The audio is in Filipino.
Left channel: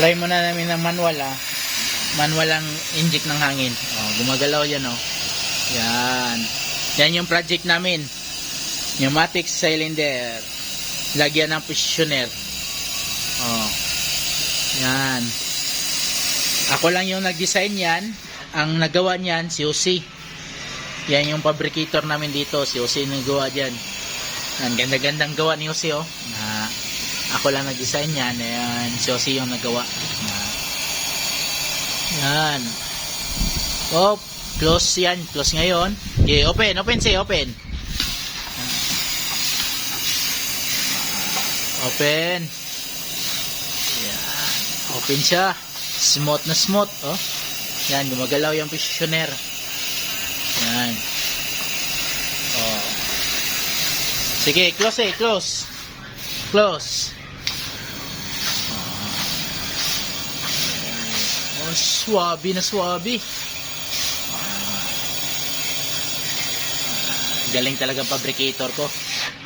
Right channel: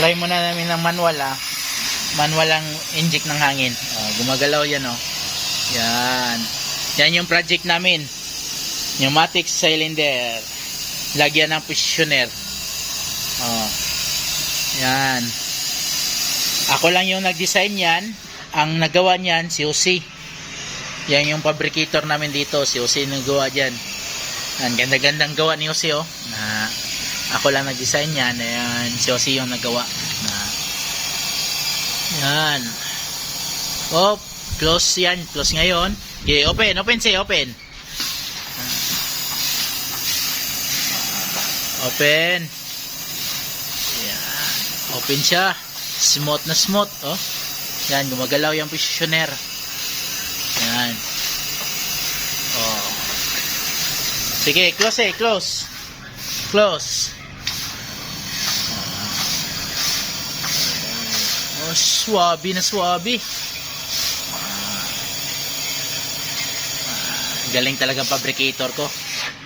Try muna namin ng manual manual ang inject ng hangin. Gumagalaw yan yan yung project namin, pneumatic cylinder, lagyan ng positioner. Yan, ako lang yung nag-design yan. Ang nagawa niyan si Jose. Yan yung fabricator namin dito, si Jose nagawa dyan. Ang ganda-gandang gawa ni Jose na ako lang nag-design yan. Ayan, si Jose yung nagawa yan. Close yan, close ngayon. Okay, open open. Yan, open siya. Smooth na smooth. Yan, gumagalaw yung positioner. Yan. Sige, close. Swabe na swabe. Galing talaga fabricator ko.